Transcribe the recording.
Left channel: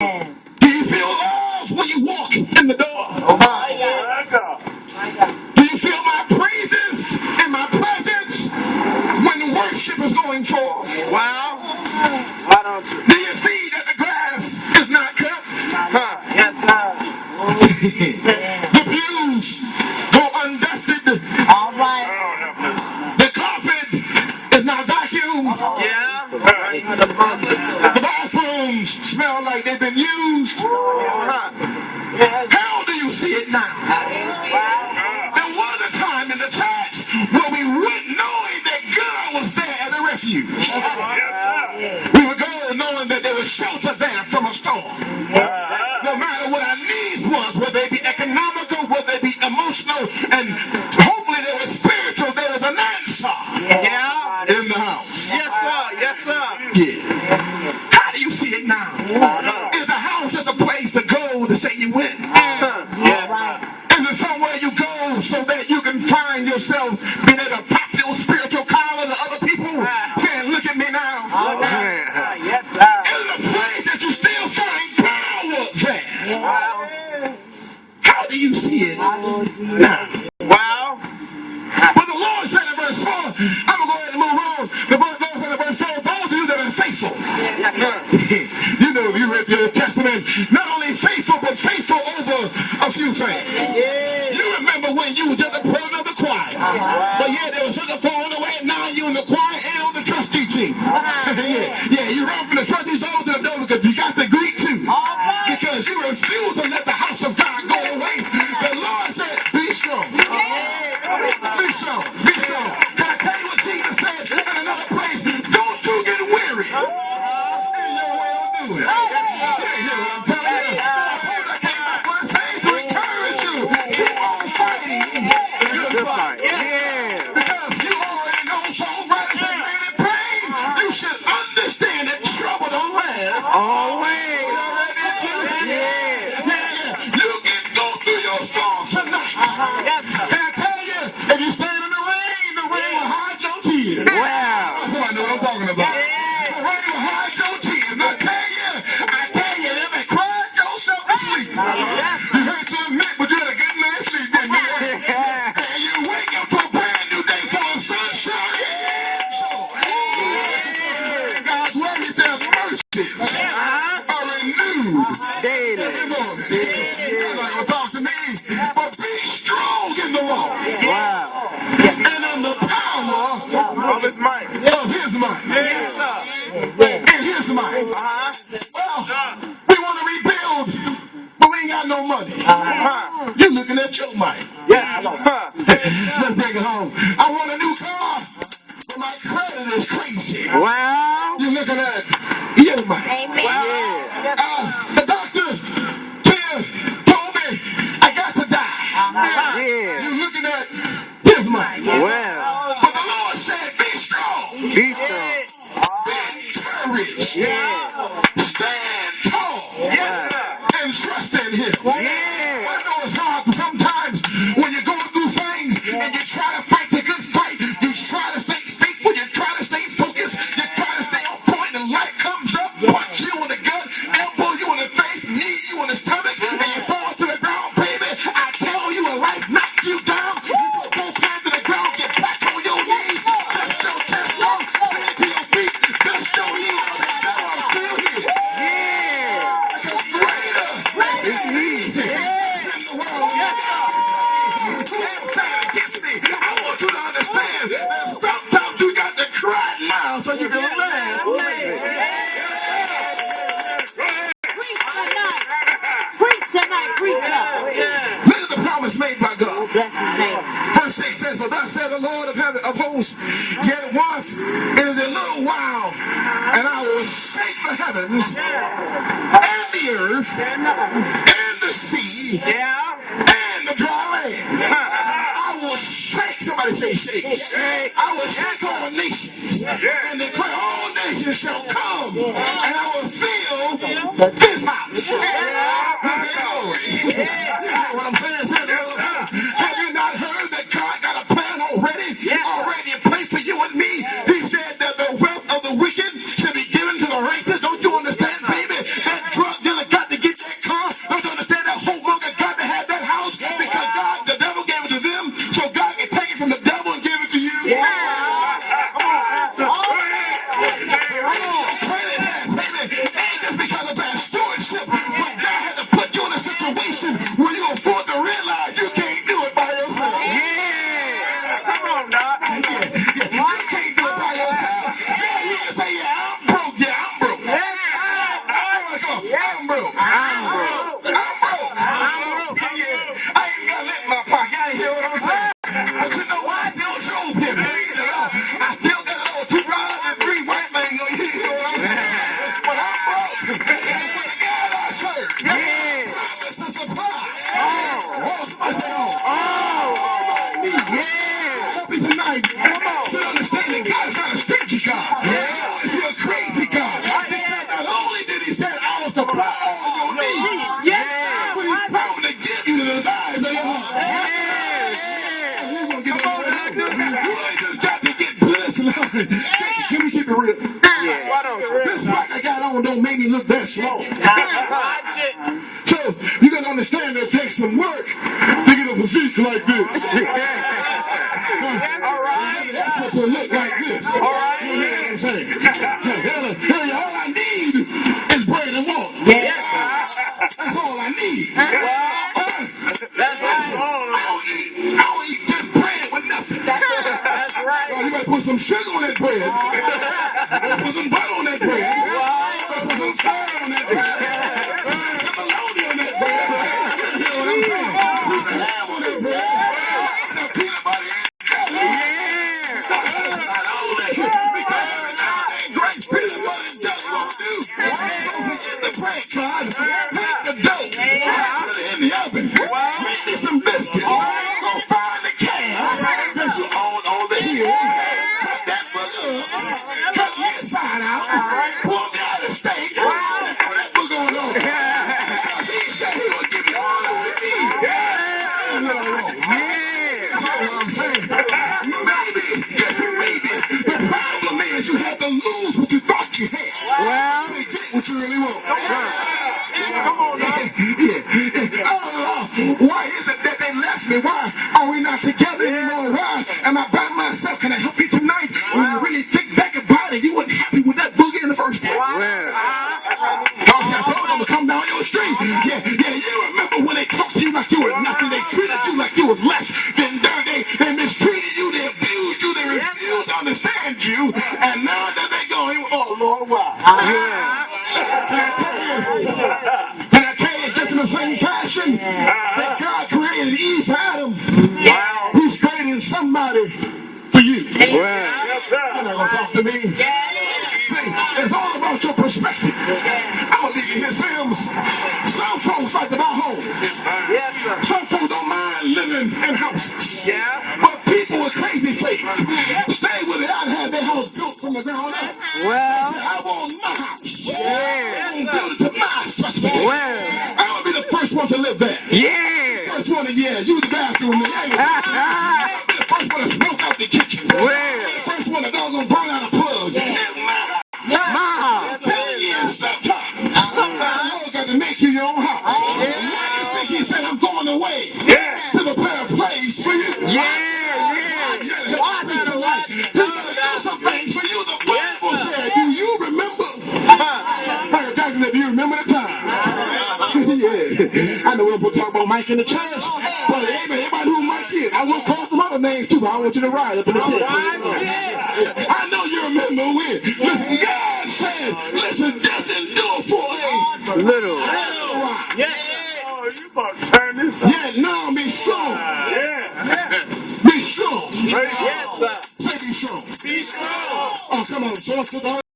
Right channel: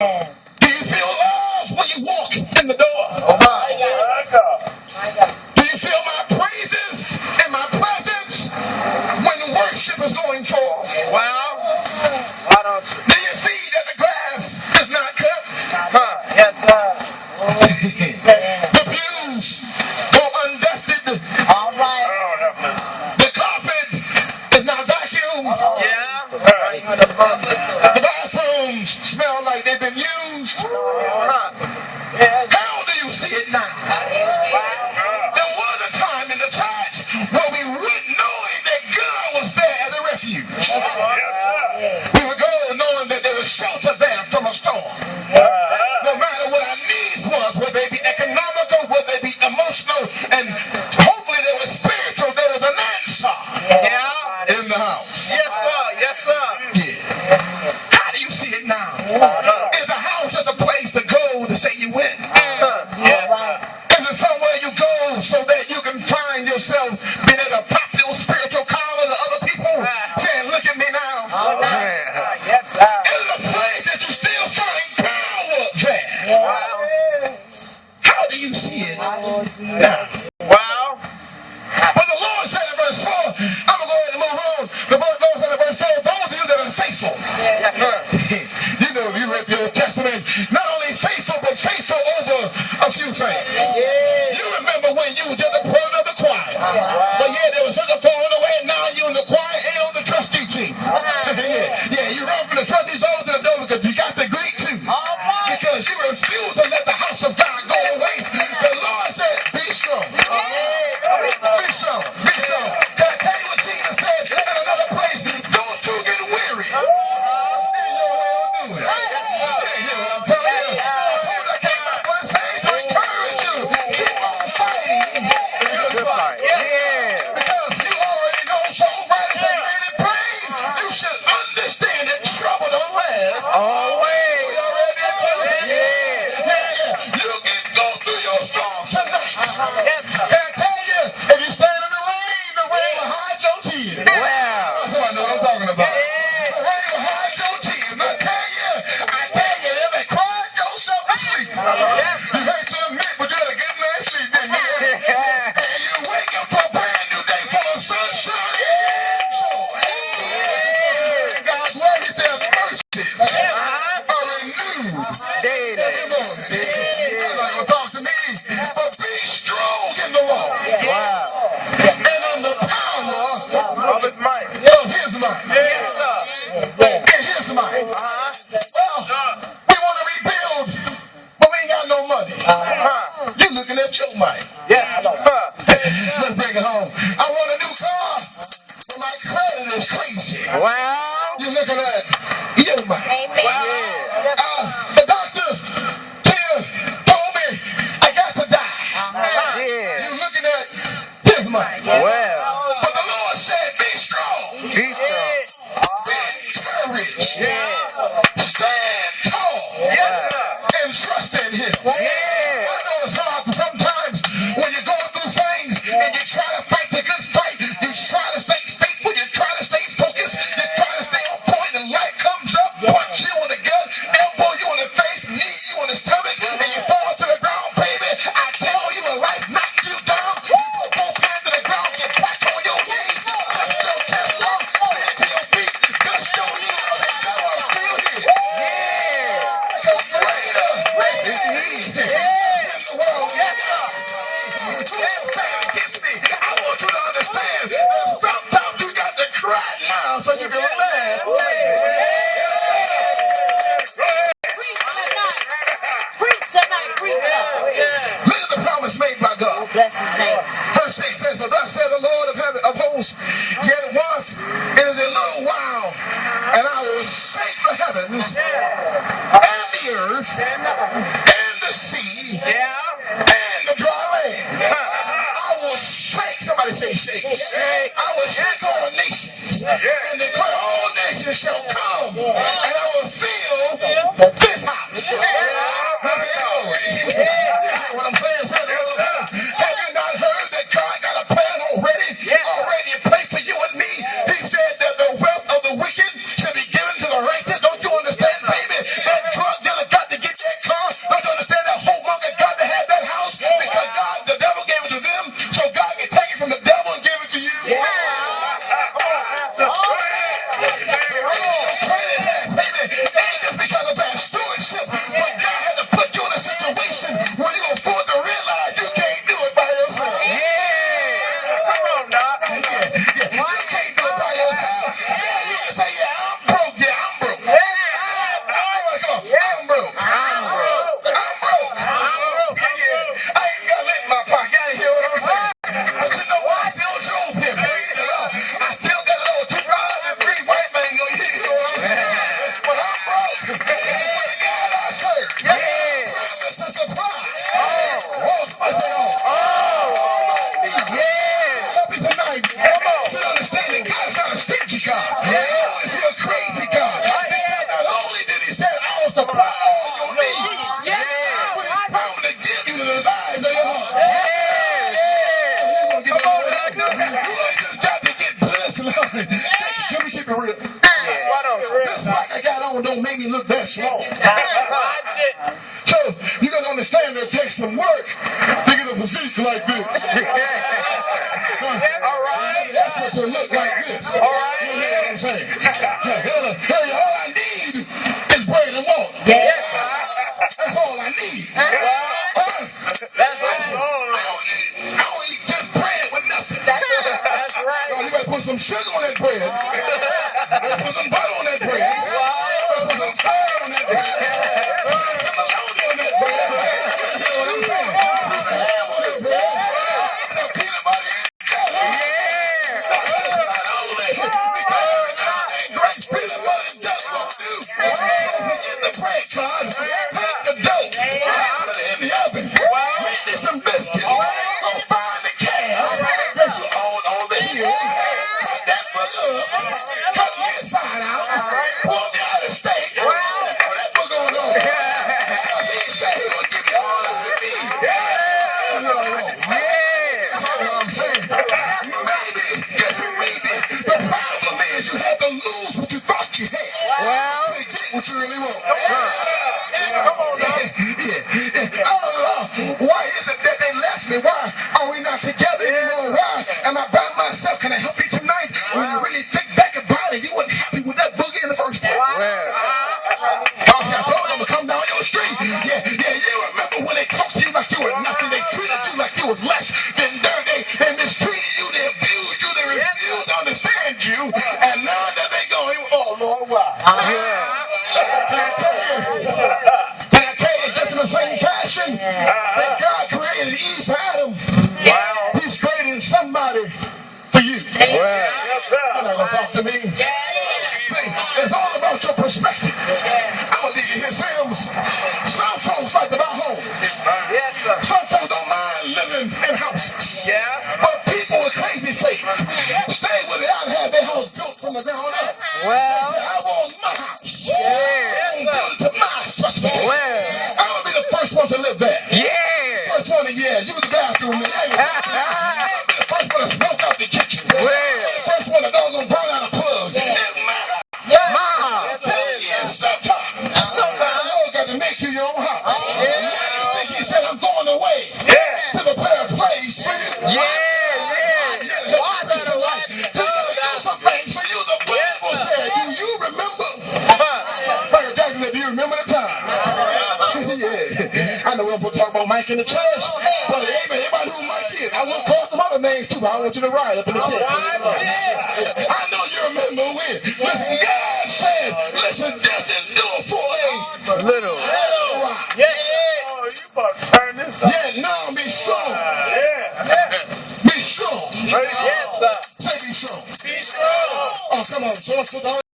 Do you feel love when you walk in the door? Oh my God. My God. Do you feel my praises and my presence when worship is going forth? Well, why don't you? Do you see that the grass is not cut? Huh? Yes, sir. The pews go undusted. All right. The carpet is not vacuumed. Yeah. The bathrooms smell like they've been used. Huh? How do you see it now? There was a time in the church where we went knowing that God was there as a refuge. Yes, sir. We would go knowing that there was shelter there from a storm. No matter what our needs was, whether they be economical, whether they be emotional, and hopefully they were spiritual, there was an answer in the house. Yes, sir. Yes, sir. Yeah. How do you see it now? Is the house just a place to go to say you win? Yes, sir. Is it somewhere you go so that you can find yourself being able to pop your spiritual collar to other people, saying, look at me now? Yes, sir. Is it a place that you still find power there? Yeah. How do you see it now? Well, But the Lord said in verse 4, I'm going to go ahead and move on. The Lord said in verse 4, those of you that are faithful. yes, sir. You know, if you read the Old Testament, not only faithful, but faithful over a few things. You remember when you were just a part of the choir. But yeah, there was such a falling away, and now you in the choir and on the trustee team. yeah, you run from the trustees over to the door because you got the Greek too. Because you refuse to let the house of God go to waste. The Lord said, be strong. Be strong. Be strong. Can I tell you what Jesus said in another place? Don't you get weary in your well doing. You hear what I'm telling you? I came back for the same to encourage you. Keep on fighting the good fight. Yeah. Because you already know songwriters have made it plain. You should understand that trouble don't last. Always. You already into it? Yeah. You can go through your storm tonight. Yes, sir. Can I tell you, if you stand in the rain will hide your tears. Wow. Somebody know what I'm talking about. The rain will hide your tears. And I tell you, if you cried yourself to sleep. Yes, You hate to admit, but you had a good night's sleep, didn't you? And you wake up to a brand new day full of sunshine and joy. And God's word, he says, mercies are renewed Daily. every morning. You're not going to talk to me, but be strong in the Lord. Wow. And on the power Of his might. of his might. Yes, sir. In his might. Well, we want to rebuild, but we ain't got no money. Huh? You looking at your might. Yes, huh? Let's bring it home. I want a new car, but my credit is crazy. Wow. You looking at your might. Amen. The doctor told me I got to die. Yeah. You looking at his might. Well. But the Lord said, be strong. Be strong. Be encouraged. Yeah. Stand tall. Yes, sir. And trust in him. Yeah. I know it's hard sometimes when you're going through things and you try to fight the good fight. You try to stay faithful. You try to stay focused. You try to stay on point, and life comes up, punch you in the gut, elbow you in the face, knee you in the stomach, and you fall to the ground, baby. I tell you, when life knocks you down, you put both hands to the ground, get back on your knees, dust your chest off, stand to your feet, dust your knees off, and tell I'm still here. Yeah. Because greater It's he. in the world. Yes, sir. Can't stand against me. I want you to understand that sometimes you got to cry now so you can laugh. Preach tonight, preacher. Look at the promise made by God. Bless his name. Verse 6 says, for thus says the Lord of heaven of hosts, yet once it is a little while, and I will shake the heavens and the earth and the sea and the dry land. I will shake, somebody say shake. I will shake all nations and declare all nations shall come, and I will fill this house. What I'm saying, have you not heard that God got a plan already in place for you and me? He said that the wealth of the wicked should be given to the righteous. Don't you understand, baby? That drug dealer got I'm broke. I'm broke. I'm broke. I'm broke. Yeah. I ain't got lit in my pocket. I ain't hear what I'm saying. But you know what? I still drove him. Praise the Lord. I still got a little $2.03 white thing on you. You know what I'm saying? But I'm broke. But the God I serve. Yeah. It's a surprise. Oh. Somebody say, oh. Yeah. Help me tonight. Come on. To understand that God is not a stingy God. He's a crazy God. Because not only did he say, I will supply all your needs. But he's promised to give you the desires of your heart. Come on, you ain't just got to get blessed, Lord. Can we keep it real? Why don't you? This rock I got on don't make me look that small. So you got to understand that it takes some work to get a physique like this. All right. That's what to look like this. All right. You know what I'm saying? All I need is bread and water. Yes. That's all I need. That's right. I don't eat just bread with nothing. That's right. No, you better put some sugar on that bread. You better put some butter on that bread. You better put some salt on that bread. Put bologna on that bread. You know what I'm saying? Put some ham on that bread. Some peanut butter and jelly. Not only because every now and then grace peanut butter and jelly won't do. Don't forget the bread card. Take the dough. Put it in the oven. Make me some biscuits. Go find the calf that you own on the hill. Cut that booger up. Cut the inside out. Pull me out a steak. And throw that booger on over. Because he said he would give you all that you need. You know what I'm saying? Maybe, yes maybe. The problem is you had to lose what you thought you had. Well. To get what you really want. Come on now. Why is it that they left me? Why are we not together anymore? Why am I by myself? Can I help you tonight? When you really think back about it, you weren't happy with that boogie in the first place. I told them to come down your street. Yeah, you remember when they talked to you like you were nothing. They treated you like you was less than dirt. They mistreated you. They abused you. They refused to understand you. And now that they going, oh Lord, why? Can I tell you just in the same fashion that God created Eve for Adam? He's creating somebody for you. You're not going to talk to me. See, it's all about your perspective. I'm going to leave you here. Some folks like to buy homes. Some folks don't mind living in houses. But people with crazy faith stay with it. I'd have their house built from the ground up. I want my house. I want to build it to my specification. I want to be the first one to live there. First one to, use the bathroom. I'll be the first one to smoke out the kitchen. The first one to dog gonna burn out a plug. It's my house. 7 years sometimes the Lord got to make you your own house. I think he said I'm going away to prepare a place for you. Do some things for you. The Bible said, do you remember? Michael Jackson said, do you remember the time? I know we don't talk about Mike in the church, but everybody who Mike is, I will call some other names too, but I want you to ride up in the pit. I know you remember when. Listen, God said, listen, just endure for a little while. Oh, you about to turn this up. No, be strong. Be strong. Yes, sir. Say be strong. Be strong. Oh, come on, so